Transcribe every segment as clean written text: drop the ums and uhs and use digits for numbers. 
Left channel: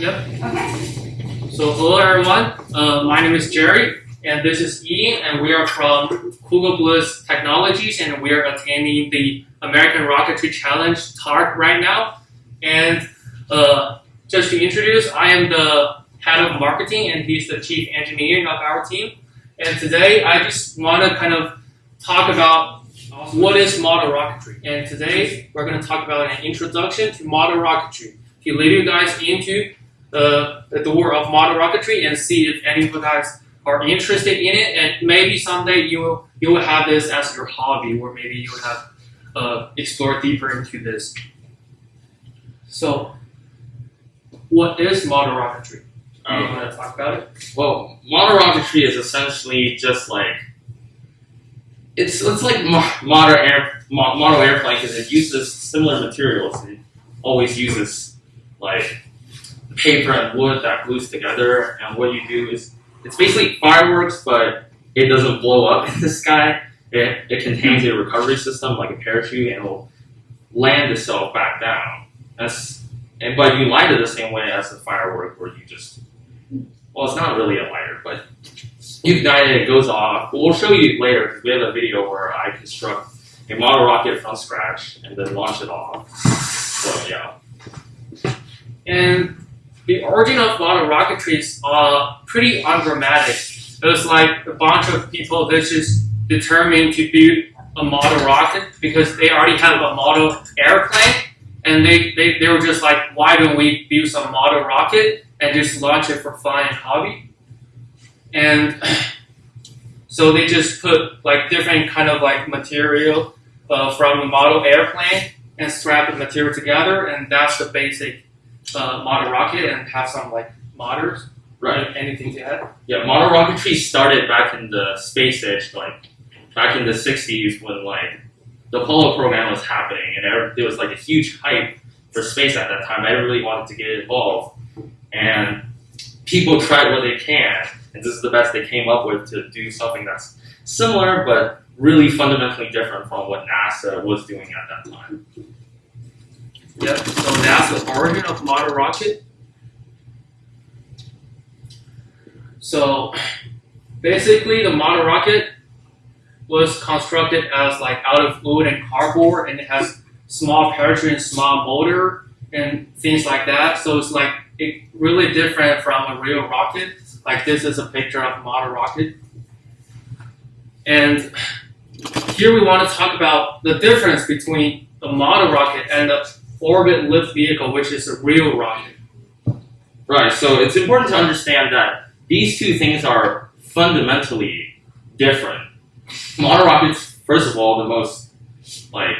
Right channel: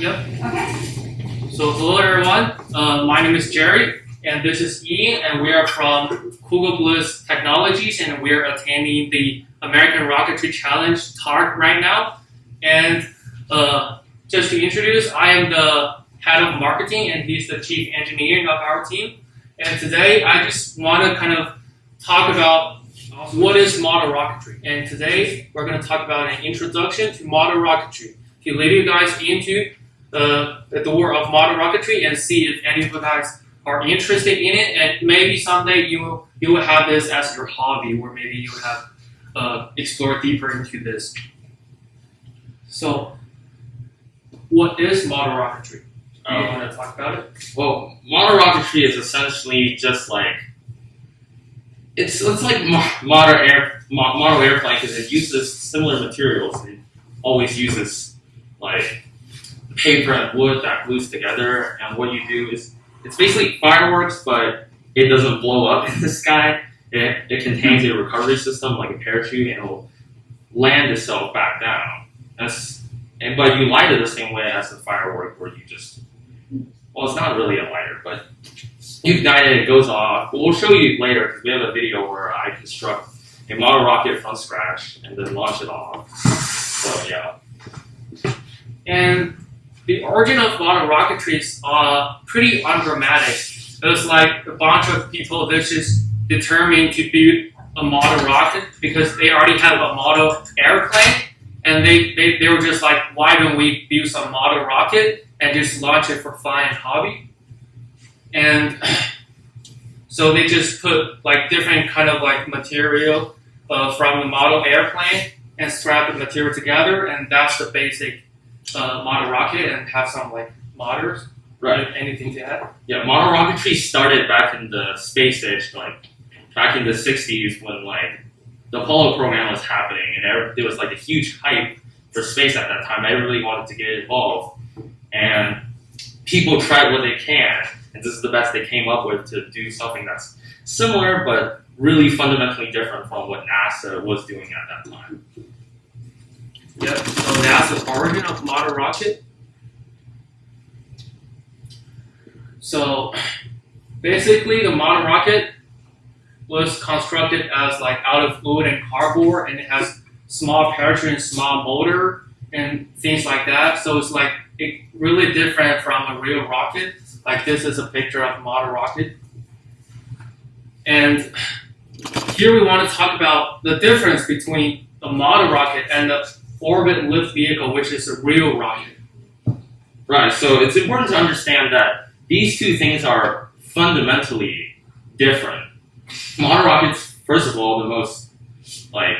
Yep. So hello everyone. My name is Jerry, and this is Ian, and we are from Google Plus Technologies, and we are attending the American Rocketry Challenge talk right now. And just to introduce, I am the head of marketing, and he's the chief engineering of our team. And today, I just want to kind of talk about what is model rocketry. And today, we're going to talk about an introduction to model rocketry to lead you guys into the door of model rocketry and see if any of you guys are interested in it. And maybe someday you will have this as your hobby, or maybe you will have explore deeper into this. So, what is model rocketry? You want to talk about it? Well, model rocketry is essentially just like it's like model airplane because it uses similar materials. It always uses like paper and wood that glues together. And what you do is it's basically fireworks, but it doesn't blow up in the sky. It contains a recovery system like a parachute, and it will land itself back down. But you light it the same way as a firework, where you just, well, it's not really a lighter, but you ignite it, it goes off. We'll show you later because we have a video where I construct a model rocket from scratch and then launch it off. So yeah. And the origin of model rocketry is pretty undramatic. It was like a bunch of people that just determined to build a model rocket because they already had a model airplane. And they were just like, why don't we build some model rocket and just launch it for fun and hobby? And so they just put like different kind of like material from the model airplane and strap the material together, and that's the basic model rocket, and have some like motors. Right. Anything to add? Yeah, model rocketry started back in the space age, like back in the 60s when like the Apollo program was happening, and there was like a huge hype for space at that time. Everybody wanted to get involved, and people tried what they can, and this is the best they came up with to do something that's similar but really fundamentally different from what NASA was doing at that time. Yep. So that's the origin of model rocket. So basically, the model rocket was constructed as like out of wood and cardboard, and it has small parachute and small motor and things like that. So it's like really different from a real rocket. Like this is a picture of a model rocket. And here we want to talk about the difference between a model rocket and the orbit lift vehicle, which is a real rocket. Right, so it's important to understand that these two things are fundamentally different. Model rockets, first of all, the most like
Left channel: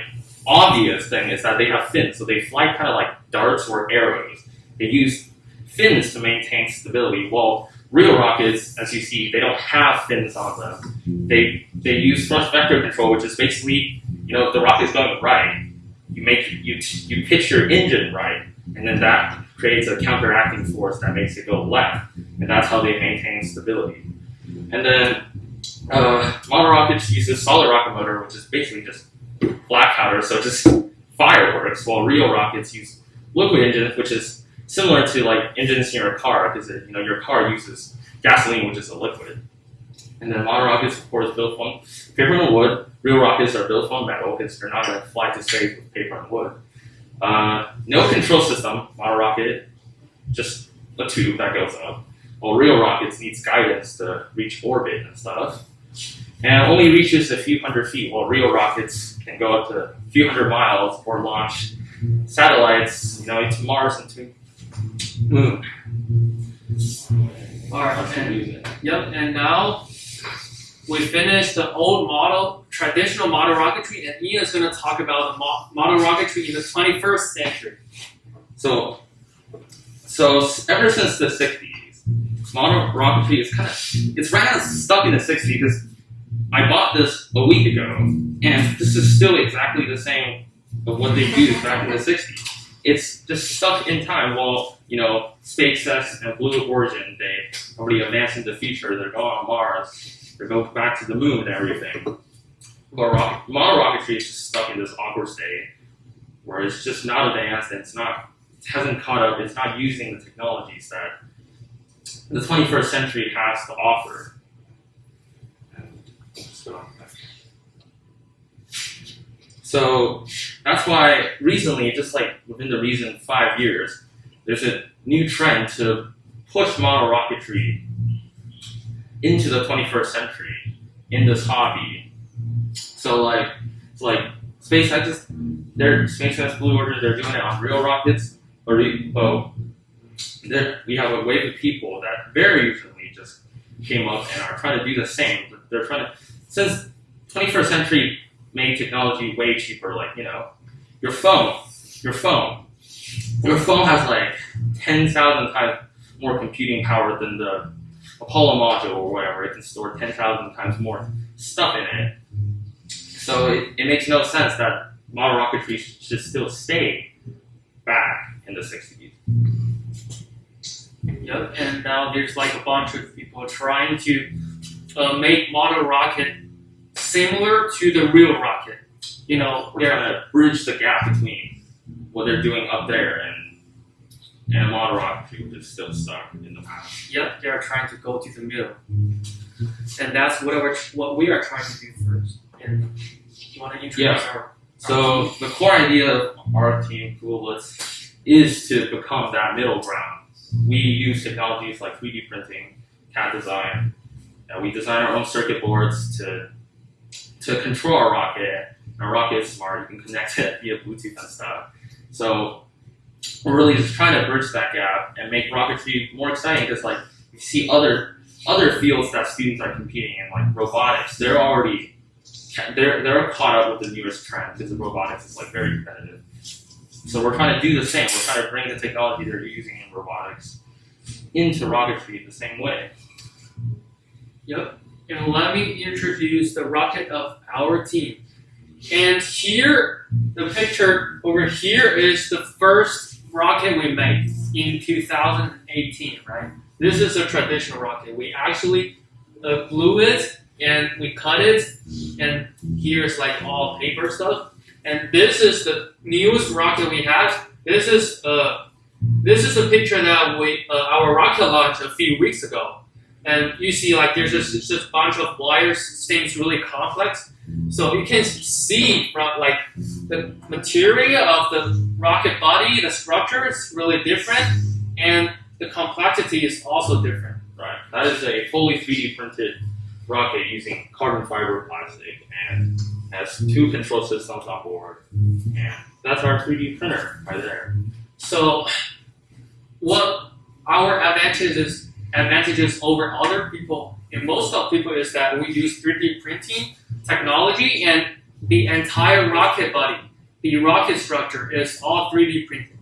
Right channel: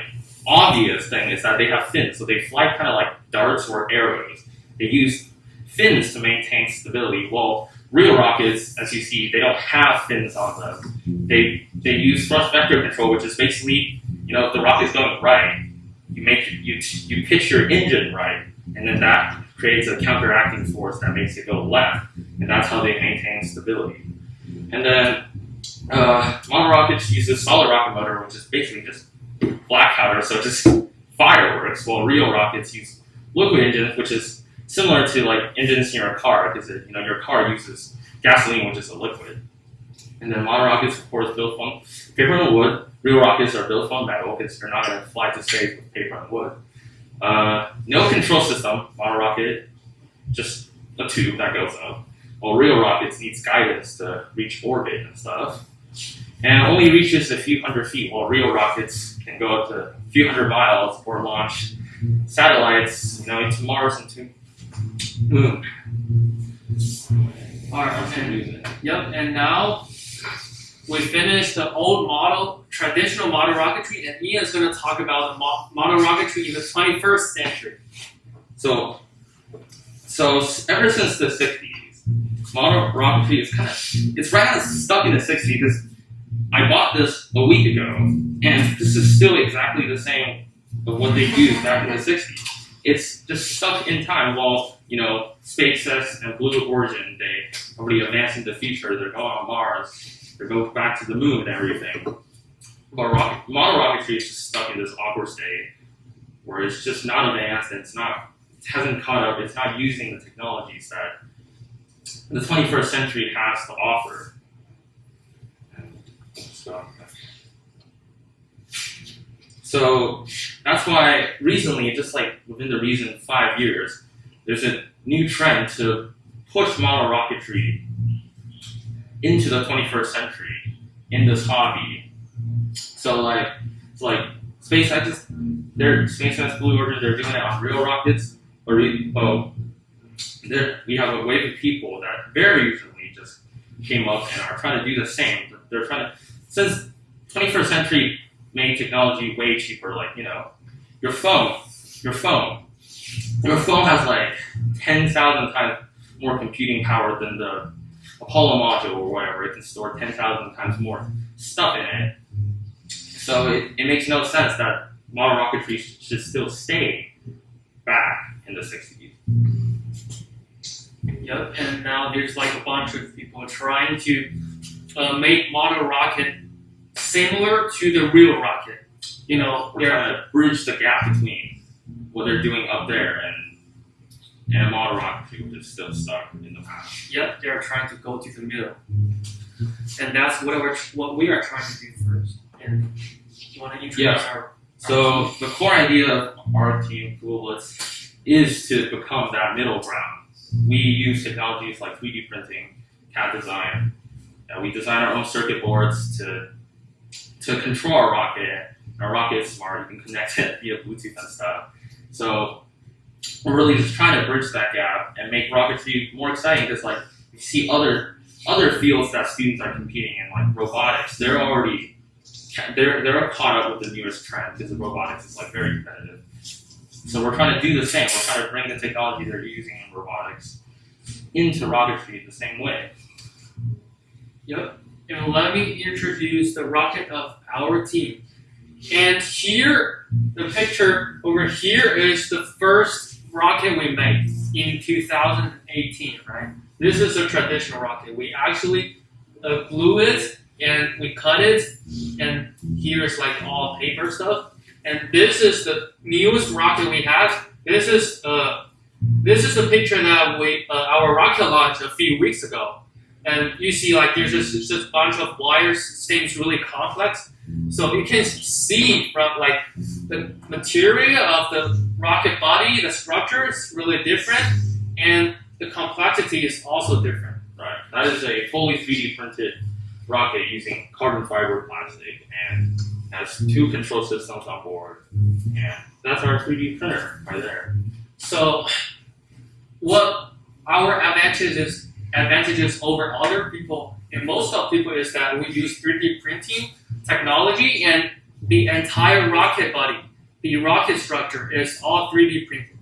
obvious thing is that they have fins, so they fly kind of like darts or arrows. They use fins to maintain stability. Well, real rockets, as you see, they don't have fins on them. They use thrust vector control, which is basically, if the rocket's going right, you pitch your engine right, and then that creates a counteracting force that makes it go left, and that's how they maintain stability. And then model rockets use a solid rocket motor, which is basically just black powder, so just fireworks, while real rockets use liquid engines, which is similar to like engines in your car, because your car uses gasoline, which is a liquid. And then model rockets, of course, built from paper and wood. Real rockets are built from metal, because you're not going to fly to space with paper and wood. No control system. Model rocket, just a tube that goes up. While real rockets needs guidance to reach orbit and stuff. And only reaches a few hundred feet, while real rockets can go up to a few hundred miles or launch satellites, to Mars and to Moon. All right. Okay. Yep. And now we finished the old model, traditional model rocketry, and Ian's going to talk about the model rocketry in the 21st century. So ever since the 60s, model rocketry is it's right now stuck in the 60s because I bought this a week ago, and this is still exactly the same of what they used back in the 60s. It's just stuck in time while, SpaceX and Blue Origin, they already advanced in the future. They're going on Mars. They're going back to the moon and everything. But model rocketry is just stuck in this awkward state where it's just not advanced and it's not hasn't caught up. It's not using the technologies that the 21st century has to offer. So that's why recently, just like within the recent 5 years, there's a new trend to push model rocketry into the 21st century in this hobby. So like SpaceX, SpaceX Blue Origin, they're doing it on real rockets. We have a wave of people that very recently just came up and are trying to do the same. They're trying to, since 21st century made technology way cheaper, like, you know, your phone has like 10,000 times more computing power than the Apollo module or whatever. It can store 10,000 times more stuff in it. So it makes no sense that model rocketry should still stay back in the 60s. Yep, and now there's like a bunch of people trying to make model rocket similar to the real rocket. You know, We're trying to bridge the gap between what they're doing up there and model rocketry, which is still stuck in the past. Yep, they're trying to go to the middle, and that's what we are trying to do first. And you want to introduce our So team? the core idea of our team, Google Blitz, is to become that middle ground. We use technologies like 3D printing, CAD design, and we design our own circuit boards to control our rocket. Our rocket is smart; you can connect it via Bluetooth and stuff. So we're really just trying to bridge that gap and make rocketry more exciting, because like we see other fields that students are competing in, like robotics. They're caught up with the newest trend, because robotics is like very competitive. So we're trying to do the same. We're trying to bring the technology they're using in robotics into rocketry the same way. Yep. And let me introduce the rocket of our team. And here, the picture over here is the first rocket we made in 2018, right? This is a traditional rocket. We actually glue it and we cut it, and here's like all paper stuff. And this is the newest rocket we have. This is a picture that our rocket launched a few weeks ago. And you see, like, there's just a bunch of wires. Seems really complex. So you can see from like the material of the rocket body, the structure is really different, and the complexity is also different. Right. That is a fully 3D printed rocket using carbon fiber plastic and has 2 control systems on board. And that's our 3D printer right there. So what our advantages over other people and most of people is that we use 3D printing technology, and the entire rocket body, the rocket structure is all 3D printed.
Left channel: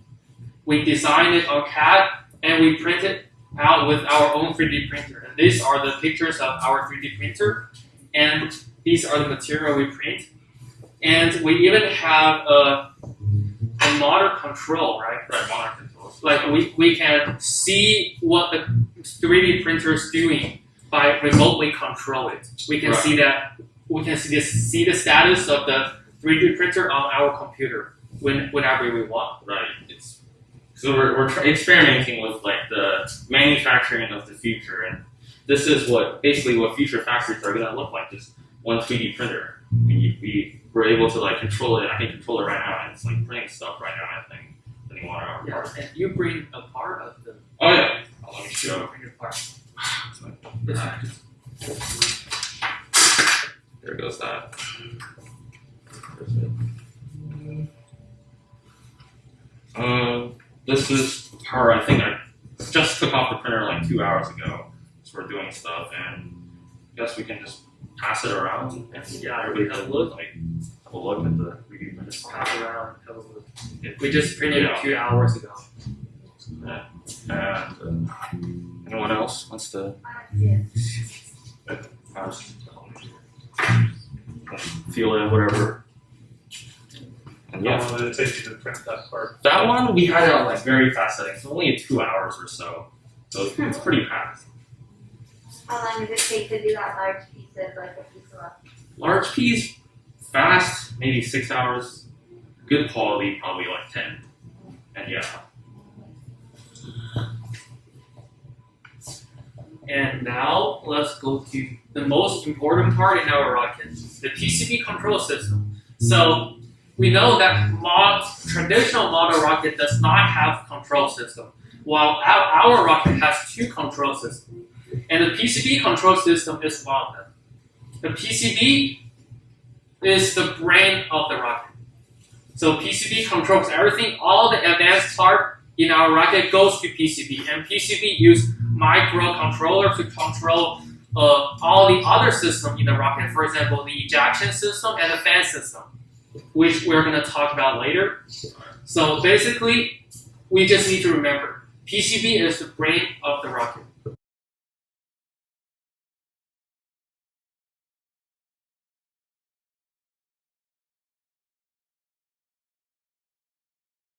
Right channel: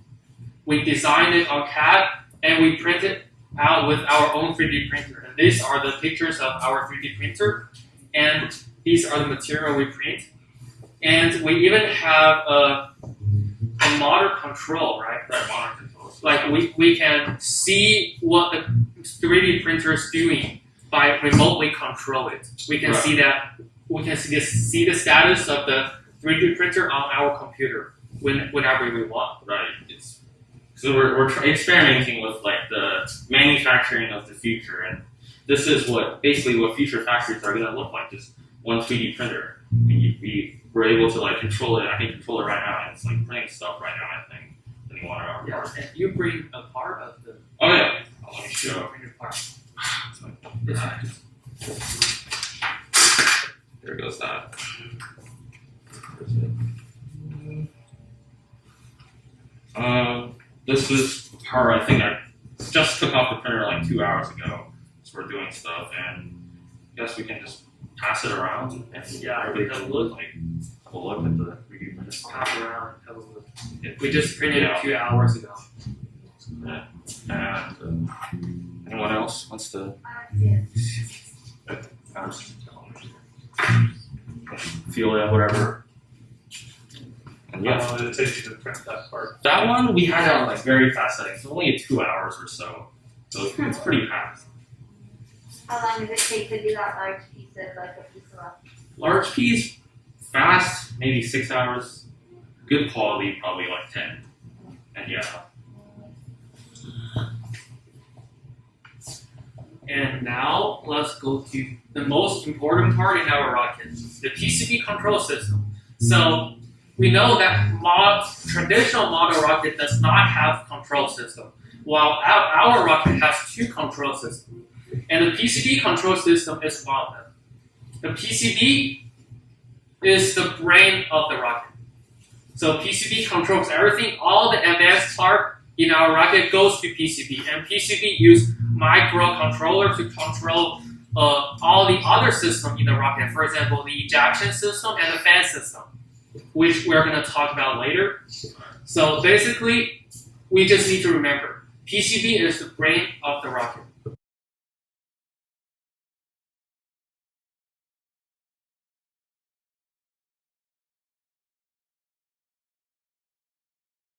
We designed it on CAD and we print it out with our own 3D printer. And these are the pictures of our 3D printer, and these are the material we print. And we even have a motor control, right? Right, motor control. Like we can see what the 3D printer is doing by remotely control it. We can see that. We can see the status of the 3D printer on our computer whenever we want. Right. So we're experimenting with like the manufacturing of the future, and this is basically what future factories are going to look like. Just one 3D printer. We were able to like control it. I can control it right now, and it's like printing stuff right now. I think. And you bring a part of the. Oh yeah. Let me show. Bring a part. There goes that. This is her. I think I just took off the printer like 2 hours ago. So we're doing stuff, and I guess we can just pass it around. And everybody have a look. Like have a look at the 3D printer. Pass it around. Have a look. We just printed it 2 hours ago. Yeah. And anyone else wants to? Feel it, whatever. And How long did it take you to print that part? That one we had it on like very fast settings, so only 2 hours or so. So it's pretty fast. How long did it take to do that large piece of like a piece of rock? Large piece, fast, maybe 6 hours. Good quality, probably like 10. And yeah, And now let's go to the most important part in our rocket, the PCB control system. So we know that traditional model rocket does not have control system, while our rocket has two control systems. And the PCB control system is one of them. The PCB is the brain of the rocket. So PCB controls everything. All the advanced part in our rocket goes to PCB, and PCB use microcontroller to control all the other systems in the rocket. For example, the ejection system and the fan system, which we're going to talk about later. So basically, we just need to remember, PCB is the brain of the rocket.